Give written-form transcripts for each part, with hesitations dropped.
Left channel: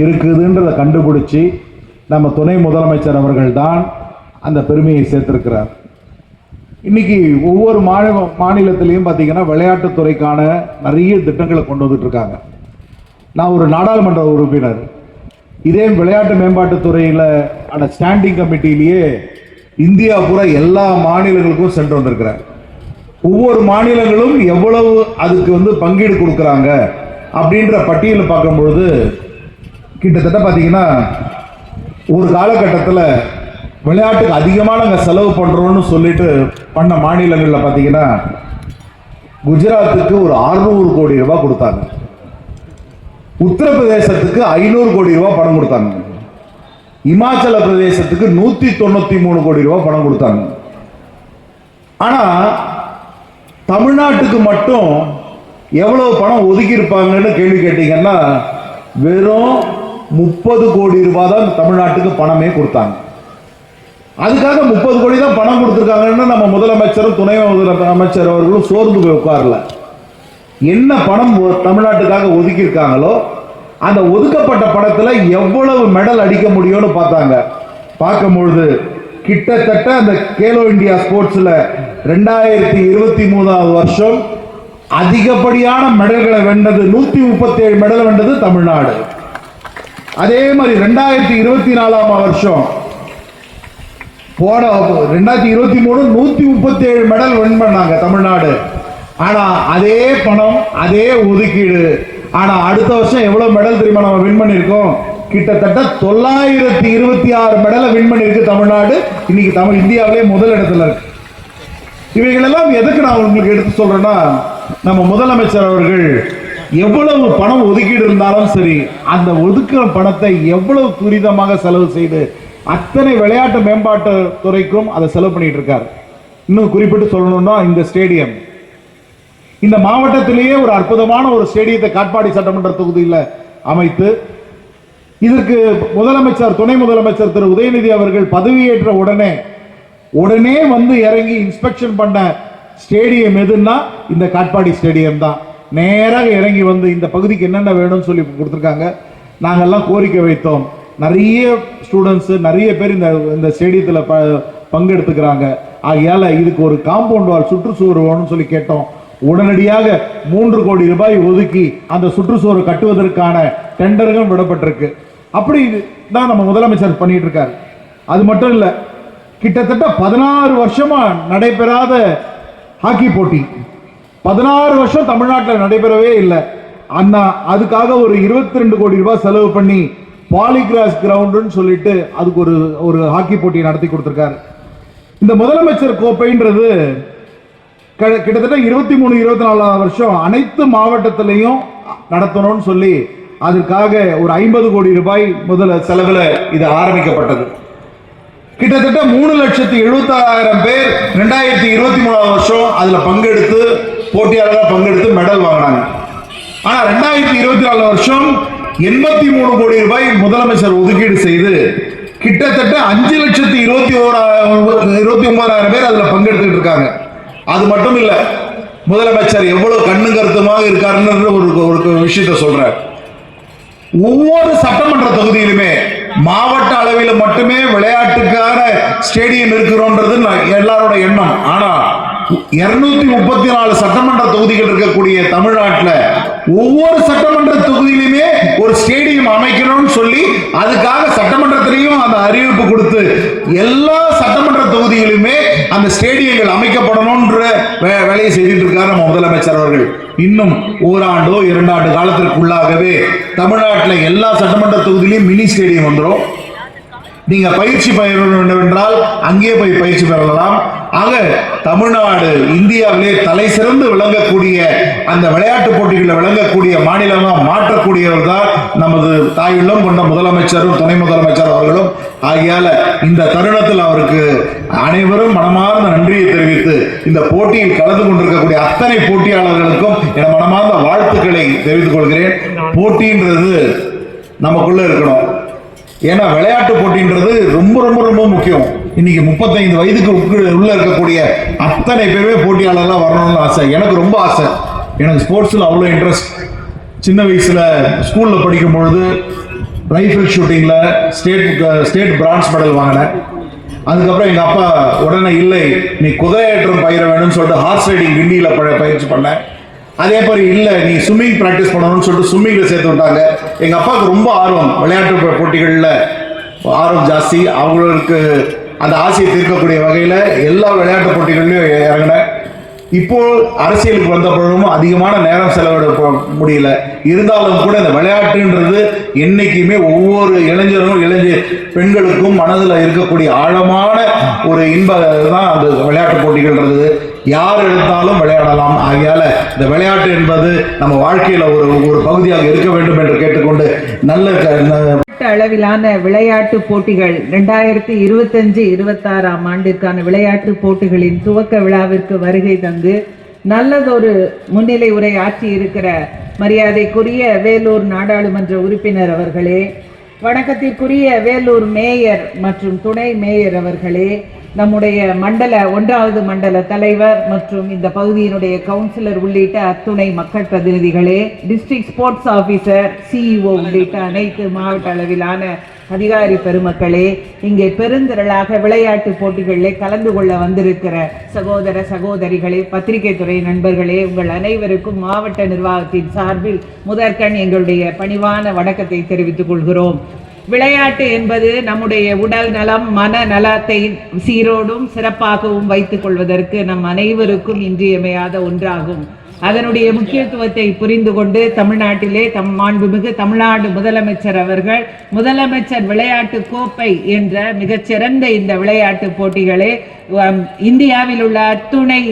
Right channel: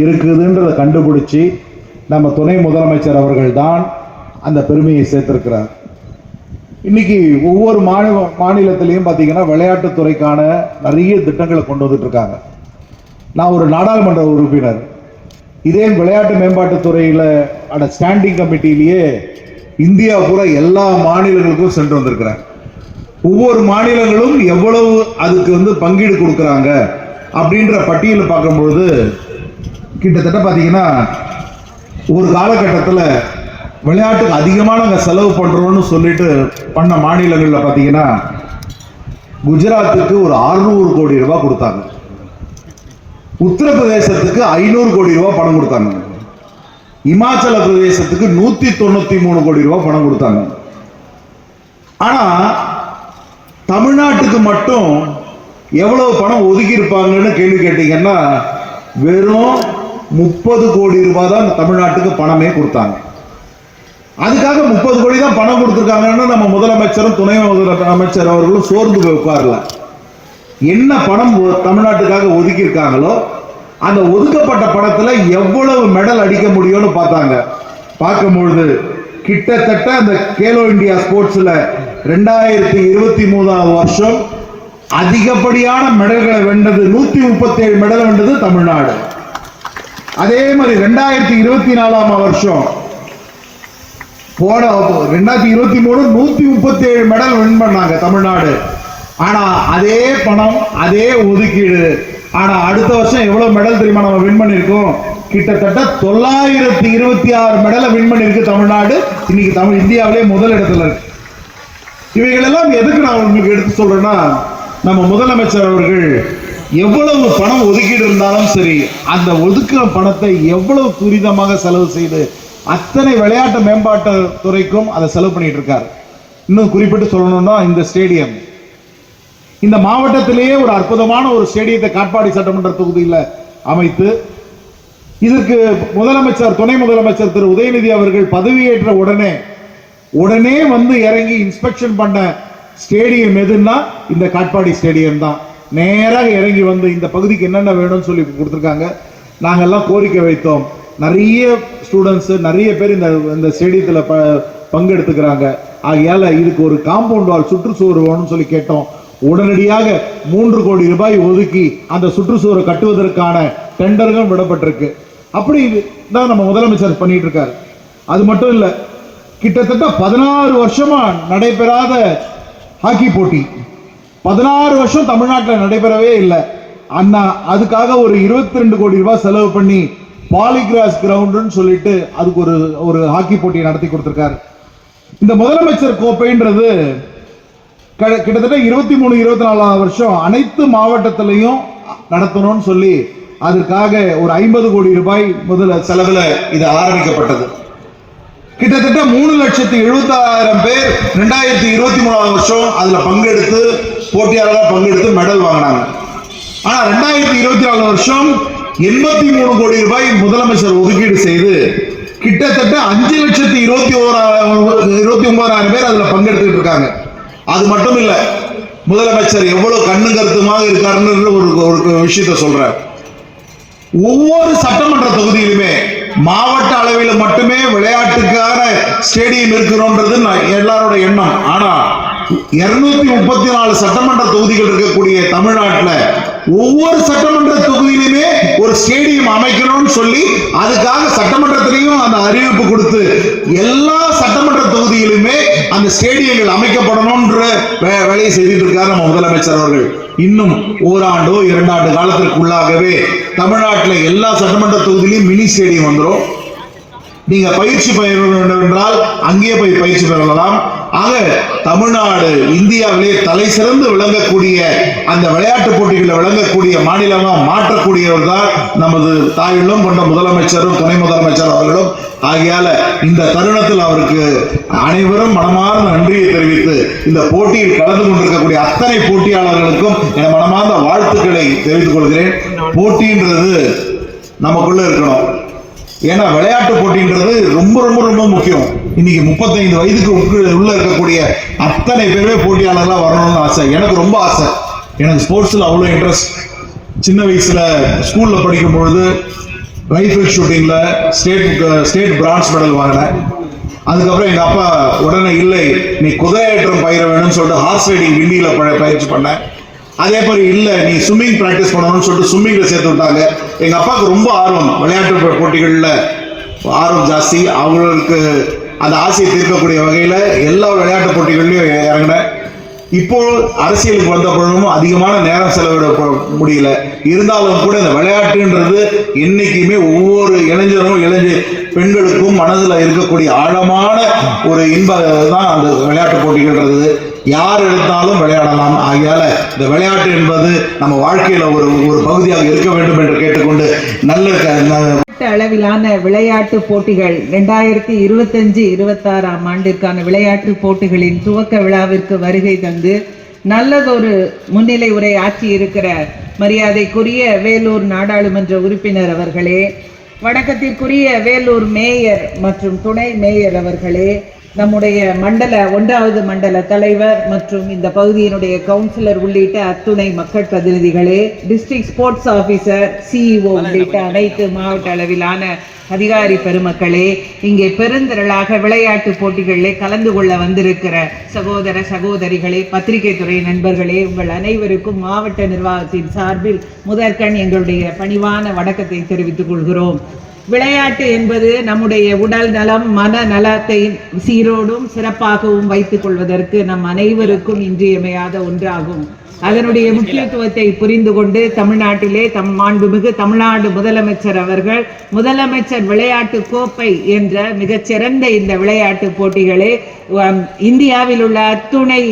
இருக்குதுன்றதை கண்டுபிடிச்சி நம்ம துணை முதலமைச்சர் அவர்கள் தான் அந்த பெருமையை சேர்த்திருக்கிறார். இன்னைக்கு ஒவ்வொரு மாநிலத்திலையும் பார்த்தீங்கன்னா விளையாட்டுத்துறைக்கான நிறைய திட்டங்களை கொண்டு வந்துட்டு இருக்காங்க. நான் ஒரு நாடாளுமன்ற உறுப்பினர். இதே விளையாட்டு மேம்பாட்டுத்துறையில் ஸ்டாண்டிங் கமிட்டியிலேயே இந்தியா பூரா எல்லா மாநிலங்களுக்கும் சென்று வந்திருக்கிறார். ஒவ்வொரு மாநிலங்களும் எவ்வளவு அதுக்கு பங்கீடு கொடுக்குறாங்க அப்படின்ற பட்டியலை பார்க்கும்பொழுது கிட்டத்தட்ட பார்த்தீங்கன்னா ஒரு காலகட்டத்தில் விளையாட்டுக்கு அதிகமாக நாங்கள் செலவு பண்ணுறோம்னு சொல்லிட்டு பண்ண மாநிலங்களில் பார்த்தீங்கன்னா குஜராத்துக்கு ஒரு 600 கோடி ரூபாய் கொடுத்தாங்க. உத்தரப்பிரதேசத்துக்கு 500 கோடி ரூபாய் பணம் கொடுத்தாங்க. இமாச்சல பிரதேசத்துக்கு 193 கோடி ரூபாய் பணம் கொடுத்தாங்க. ஆனா தமிழ்நாட்டுக்கு மட்டும் எவ்வளவு பணம் ஒதுக்கி இருப்பாங்கன்னு கேள்வி கேட்டீங்கன்னா வெறும் 30 கோடி ரூபாய் தான் தமிழ்நாட்டுக்கு பணமே கொடுத்தாங்க. அதுக்காக 30 கோடி தான் பணம் கொடுத்துருக்காங்கன்னா நம்ம முதலமைச்சரும் துணை முதலமைச்சர் அவர்களும் சோர்ந்து உட்காரல. என்ன பணம் தமிழ்நாட்டுக்காக ஒதுக்கி இருக்காங்களோ அந்த ஒதுக்கப்பட்ட பணத்துல எவ்வளவு மெடல் அடிக்க முடியும்னு பார்த்தாங்க. பார்க்கும்பொழுது கிட்டத்தட்ட அந்த கேலோ இந்தியா ஸ்போர்ட்ஸ்ல 2023 வருஷம் அதிகப்படியான மெடல்களை வென்றது 137 மெடல் வென்றது தமிழ்நாடு. அதே மாதிரி 2024 வருஷம் போன 2023 137 மெடல் வின் பண்ணாங்க தமிழ்நாடு. ஆனா அதே பணம் அதே ஒதுக்கீடு. ஆனா அடுத்த வருஷம் எவ்வளவு மெடல் தெரியுமா நம்ம வின் பண்ணிருக்கோம்? கிட்டத்தட்ட 926 மெடலை வின் பண்ணிருக்கு தமிழ்நாடு. இன்னைக்கு இந்தியாவிலே முதல் இடத்துல இருக்கு. இவைகளெல்லாம் எதுக்கு நான் உங்களுக்கு எடுத்து சொல்றேன்னா, நம்ம முதலமைச்சர் அவர்கள் எவ்வளவு பணம் ஒதுக்கீடு இருந்தாலும் சரி அந்த ஒதுக்குற பணத்தை எவ்வளவு துரிதமாக செலவு செய்து அத்தனை விளையாட்டு மேம்பாட்டு துறைக்கும் அதை செலவு பண்ணிட்டு இருக்காரு. இன்னும் குறிப்பிட்டு சொல்லணும்னா இந்த ஸ்டேடியம் இந்த மாவட்டத்திலேயே ஒரு அற்புதமான ஒரு ஸ்டேடியத்தை காட்பாடி சட்டமன்ற தொகுதியில் அமைத்து இதற்கு முதலமைச்சர் துணை முதலமைச்சர் திரு உதயநிதி அவர்கள் பதவியேற்ற உடனே இறங்கி இன்ஸ்பெக்ஷன் பண்ண ஸ்டேடியம் எதுன்னா இந்த காட்பாடி ஸ்டேடியம் தான். நேராக இறங்கி இந்த பகுதிக்கு என்னென்ன வேணும்னு சொல்லி கொடுத்துருக்காங்க. நாங்கெல்லாம் கோரிக்கை வைத்தோம். நிறைய ஸ்டூடெண்ட்ஸ் நிறைய பேர் இந்த ஸ்டேடியத்தில் பங்கெடுத்துக்கிறாங்க. ஆகையால இதுக்கு ஒரு காம்பவுண்ட் வால் சுற்றுச்சுவர் வேணும்னு சொல்லி கேட்டோம். உடனடியாக 3 கோடி ரூபாய் ஒதுக்கி அந்த சுற்றுச்சுவரை கட்டுவதற்கான டெண்டர்கள் விடப்பட்டிருக்கு. அப்படி தான் நம்ம முதலமைச்சர் பண்ணிட்டு இருக்காரு. அது மட்டும் இல்ல, கிட்டத்தட்ட 16 வருஷமா நடைபெறாத ஹாக்கி போட்டி 16 வருஷம் தமிழ்நாட்டில் நடைபெறவே இல்லை. அண்ணா அதுக்காக ஒரு 22 கோடி ரூபாய் செலவு பண்ணி பாலிகிராஸ் கிரவுண்டுன்னு சொல்லிட்டு அதுக்கு ஒரு ஹாக்கி போட்டி நடத்தி கொடுத்திருக்காரு. இந்த முதலமைச்சர் கோப்பைன்றது கிட்டத்தட்ட 23-24 வருஷம் அனைத்து மாவட்டத்திலையும் நடத்தணும்னு சொல்லி அதுக்காக ஒரு 50 கோடி ரூபாய் முதல்ல செலவுல இது ஆரம்பிக்கப்பட்டது. கிட்டத்தட்ட 3,76,000 பேர் 2023 வருஷம் அதுல பங்கெடுத்து போட்டியாளராக பங்கெடுத்து மெடல் வாங்கினாங்க. ஆனா 2024 வருஷம் 83 கோடி ரூபாய் முதலமைச்சர் ஒதுக்கீடு செய்து கிட்டத்தட்ட 5,29,000 பேர் அதுல பங்கெடுத்துட்டு இருக்காங்க. அது மட்டும் இல்ல, முதலமைச்சர் எவ்வளவு கண்ணு கருத்துமாக இருக்காருன்னு ஒரு விஷயத்த சொல்றார். ஒவ்வொரு சட்டமன்ற தொகுதியிலுமே மாவட்ட அளவில் மட்டுமே விளையாட்டுக்கான ஸ்டேடியம் இருக்கிறோம்ன்றது எல்லாரோட எண்ணம். ஆனா 234 சட்டமன்ற தொகுதிகள் இருக்கக்கூடிய தமிழ்நாட்டில் ஒவ்வொரு சட்டமன்ற தொகுதியிலுமே ஒரு ஸ்டேடியம் அமைக்கணும்னு சொல்லி அதுக்காக சட்டமன்றத்திலையும் அந்த அறிவிப்பு கொடுத்து எல்லா சட்டமன்ற தொகுதியிலுமே அந்த ஸ்டேடியங்கள் அமைக்கப்படணும்ன்ற வேலையை செய்துட்டு இருக்காரு நம்ம முதலமைச்சர் அவர்கள். இன்னும் ஓராண்டோ 2 ஆண்டு காலத்திற்குள்ளாகவே தமிழ்நாட்டில் எல்லா சட்டமன்ற தொகுதியிலும் மினி ஸ்டேடியம் வந்துடும். நீங்க பயிற்சி பெற வேண்டும் என்றால் அங்கே போய் பயிற்சி பெறலாம். ஆக தமிழ்நாடு இந்தியாவிலே தலை சிறந்து விளங்கக்கூடிய அந்த விளையாட்டு போட்டிகளில் விளங்கக்கூடிய மாநிலமா மாற்றக்கூடியவர் தான் நமது தாயுள்ளம் கொண்ட முதலமைச்சரும் துணை முதலமைச்சர் அவர்களும். ஆகையால இந்த தருணத்தில் அவருக்கு அனைவரும் மனமார்ந்த நன்றியை தெரிவித்து இந்த போட்டியில் கலந்து கொண்டிருக்கக்கூடிய அத்தனை போட்டியாளர்களுக்கும் என மனமார்ந்த வாழ்த்துக்களை தெரிவித்துக் கொள்கிறேன். போட்டின்றது நமக்குள்ள இருக்கணும். ஏன்னா விளையாட்டு போட்டின்றது ரொம்ப ரொம்ப ரொம்ப முக்கியம். இன்னைக்கு 35 வயதுக்கு உள்ள இருக்கக்கூடிய அத்தனை பேருமே போட்டியாளர்களாக வரணும்னு ஆசை. எனக்கு ரொம்ப ஆசை. எனக்கு ஸ்போர்ட்ஸில் அவ்வளோ இன்ட்ரெஸ்ட். சின்ன வயசுல ஸ்கூல்ல படிக்கும் பொழுது ரைஃபிள் ஷூட்டிங்ல ஸ்டேட் பிரான்ஸ் மெடல் வாங்கினேன். அதுக்கப்புறம் எங்க அப்பா உடனே இல்லை நீ குதிரையேற்றம் பயிர வேணும்னு சொல்லிட்டு ஹார்ஸ் ரைடிங் கிண்டியில பயிற்சி பண்ணேன். அதே மாதிரி இல்லை நீ ஸ்விம்மிங் பிராக்டிஸ் பண்ணணும்னு சொல்லிட்டு ஸ்விம்மிங்ல சேர்த்து விட்டாங்க. எங்க அப்பாவுக்கு ரொம்ப ஆர்வம், விளையாட்டு போட்டிகள்ல ஆர்வம் ஜாஸ்தி. அவங்களுக்கு அந்த ஆசையை தீர்க்கக்கூடிய வகையில எல்லா விளையாட்டு போட்டிகள்லயும் இறங்கினேன். இப்போ அரசியலுக்கு வந்த பொழுதும் அதிகமான நேரம் செலவிட முடியல. இருந்தாலும் கூட இந்த விளையாட்டுன்றது என்னைக்குமே ஒவ்வொரு பெண்களுக்கும் மனதில் இருக்கக்கூடிய ஆழமான ஒரு இன்பம் தான் அந்த விளையாட்டு போட்டிகள்ன்றது. யார் எடுத்தாலும் விளையாடலாம். ஆகையால இந்த விளையாட்டு என்பது நம்ம வாழ்க்கையில ஒரு பகுதியாக இருக்க வேண்டும் என்று கேட்டுக்கொண்டு நல்ல அளவிலான விளையாட்டு போட்டிகள் 2025-26 ஆண்டிற்கான விளையாட்டு போட்டிகளின் துவக்க விழாவிற்கு வருகை தந்து நல்லதொரு முன்னிலை உரை ஆற்றி இருக்கிற மரியாதைக்குரிய வேலூர் நாடாளுமன்ற உறுப்பினர் அவர்களே, வணக்கத்திற்குரிய வேலூர் மேயர் மற்றும் துணை மேயர் அவர்களே, நம்முடைய 1வது மண்டல தலைவர் மற்றும் இந்த பகுதியினுடைய கவுன்சிலர் உள்ளிட்ட அத்துணை மக்கள் பிரதிநிதிகளே, டிஸ்ட்ரிக்ட் ஸ்போர்ட்ஸ் ஆபீசர், சிஇஓ உள்ளிட்ட அனைத்து மாவட்ட அளவிலான அதிகாரி பெருமக்களே, இங்கே பெருந்திரளாக விளையாட்டு போட்டிகளில் கலந்து கொள்ள வந்திருக்கிற சகோதர சகோதரிகளே, பத்திரிகை துறை நண்பர்களே, உங்கள் அனைவருக்கும் மாவட்ட நிர்வாகத்தின் சார்பில் முதற்கண் எங்களுடைய பணிவான வணக்கத்தை தெரிவித்துக் கொள்கிறோம். விளையாட்டு என்பது நம்முடைய உடல் நலம் மன நலத்தை சீரோடும் சிறப்பாகவும் வைத்துக் கொள்வதற்கு நம் அனைவருக்கும் இன்றியமையாத ஒன்றாகும். அதனுடைய முக்கியத்துவத்தை புரிந்து கொண்டு தமிழ்நாட்டிலே மாண்புமிகு தமிழ்நாடு முதலமைச்சர் அவர்கள் முதலமைச்சர் விளையாட்டு கோப்பை என்ற மிகச்சிறந்த இந்த விளையாட்டு போட்டிகளை இந்தியாவில் உள்ள அத்துணை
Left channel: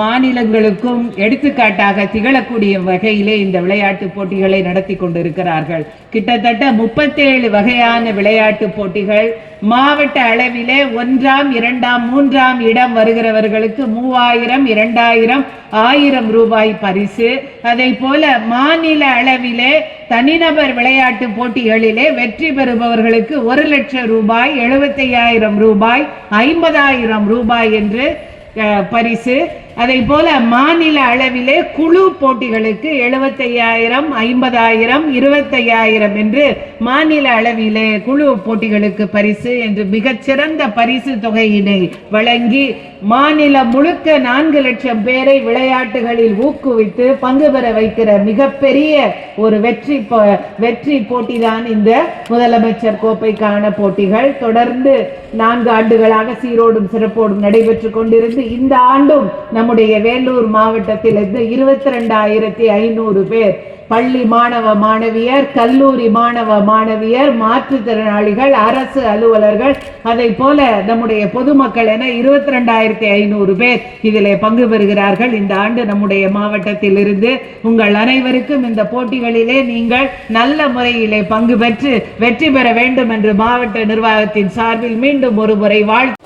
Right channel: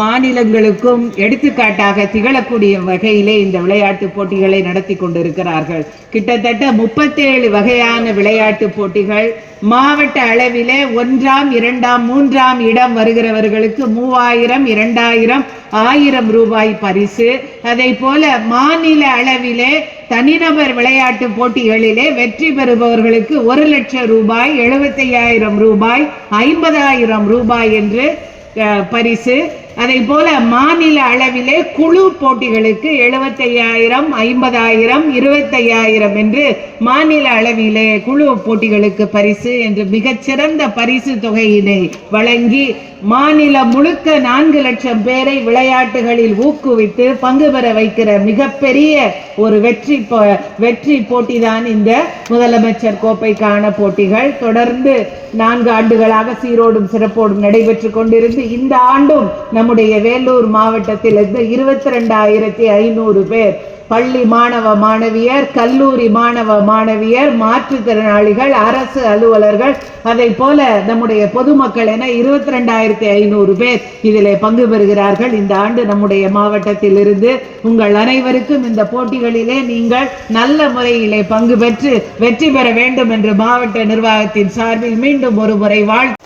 மாநிலங்களுக்கும் எடுத்துக்காட்டாக திகழக்கூடிய வகையிலே இந்த விளையாட்டு போட்டிகளை நடத்தி கொண்டிருக்கிறார்கள். கிட்டத்தட்ட 37 வகையான விளையாட்டு போட்டிகள் மாவட்ட அளவிலே 1ஆம் 2ஆம் 3ஆம் இடம் வருகிறவர்களுக்கு 3000 2000 1000 ரூபாய் பரிசு. அதை போல மாநில அளவிலே தனிநபர் விளையாட்டு போட்டிகளிலே வெற்றி பெறுபவர்களுக்கு 1 லட்சம் ரூபாய், 75,000 ரூபாய், 50,000 ரூபாய் என்று பரிசு. அதை போல மாநில அளவிலே குழு போட்டிகளுக்கு 75,000, 50,000, 25,000 என்று மாநில அளவிலே குழு போட்டிகளுக்கு பரிசு என்று மிகச்சிறந்த பரிசு தொகையினை வழங்கி மாநிலம் முழுக்க 4 லட்சம் பேரை விளையாட்டுகளில் ஊக்குவித்து பங்கு பெற வைக்கிற மிகப்பெரிய ஒரு வெற்றி போட்டிதான் இந்த முதலமைச்சர் கோப்பைக்கான போட்டிகள். தொடர்ந்து 4 ஆண்டுகளாக சீரோடும் சிறப்போடும் நடைபெற்று கொண்டிருந்து இந்த ஆண்டும் நம்முடைய வேலூர் மாவட்டத்திலிருந்து 22,500 பேர் பள்ளி மாணவ மாணவியர், கல்லூரி மாணவ மாணவியர், மாற்றுத்திறனாளிகள், அரசு அலுவலர்கள், அதை போல நம்முடைய பொதுமக்கள் என 22,500 பேர் இதிலே பங்கு பெறுகிறார்கள். இந்த ஆண்டு நம்முடைய மாவட்டத்தில் இருந்து உங்கள் அனைவருக்கும் இந்த போட்டிகளிலே நீங்கள் நல்ல முறையிலே பங்கு பெற்று வெற்றி பெற வேண்டும் என்று மாவட்ட நிர்வாகத்தின் சார்பில் மீண்டும் ஒரு முறை வாழ்த்து.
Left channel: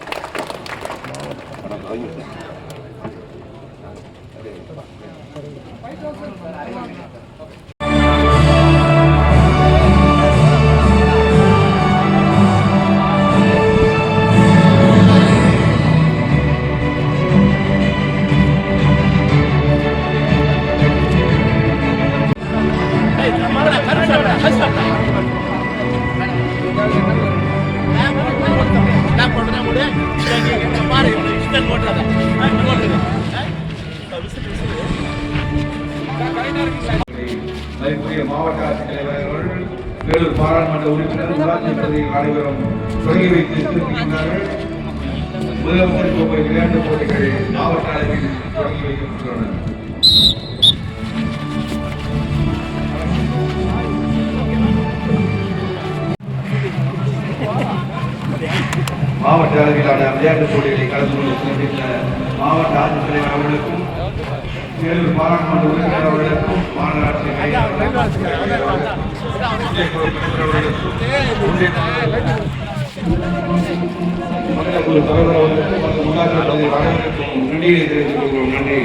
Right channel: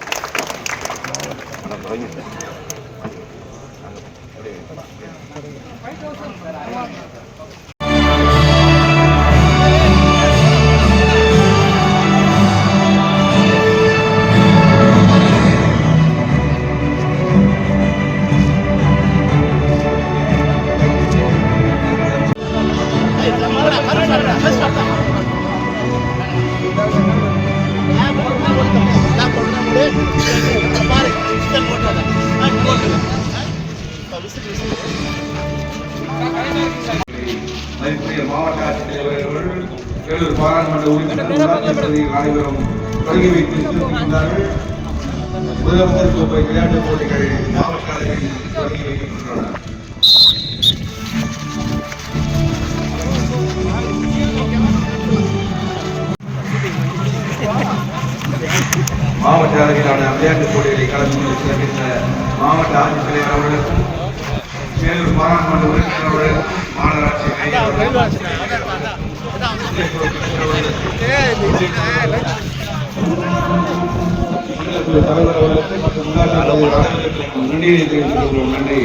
மாவட்ட ஆட்சித்தலைவர்கள், வேலூர் பாராளுமன்ற உறுப்பினர், உள்ளாட்சி பிரதிநிதிகள் அனைவரும் தொடங்கி வைத்து சிறப்பிக்கின்றார்கள். முதலமைச்சர் கோப்பை விளையாட்டுப் போட்டிகள் மாவட்ட அளவில் தொடங்கி வைக்கின்றன. மாவட்ட அளவிலான விளையாட்டுப் போட்டிகளை கலந்து கொண்டு சிறப்பித்த மாவட்ட ஆட்சித்தலைவர் அவர்களுக்கும், வேலூர் பாராளுமன்ற உறுப்பினர் அவர்களுக்கும், மாநகராட்சி மேயர் அவர்களுக்கும், மண்டல தலைவர் அவர்களுக்கும் மற்றும் உள்ளாட்சி அனைவருக்கும் நன்றியை தெரிவித்துக் கொள்கிறோம். நன்றி.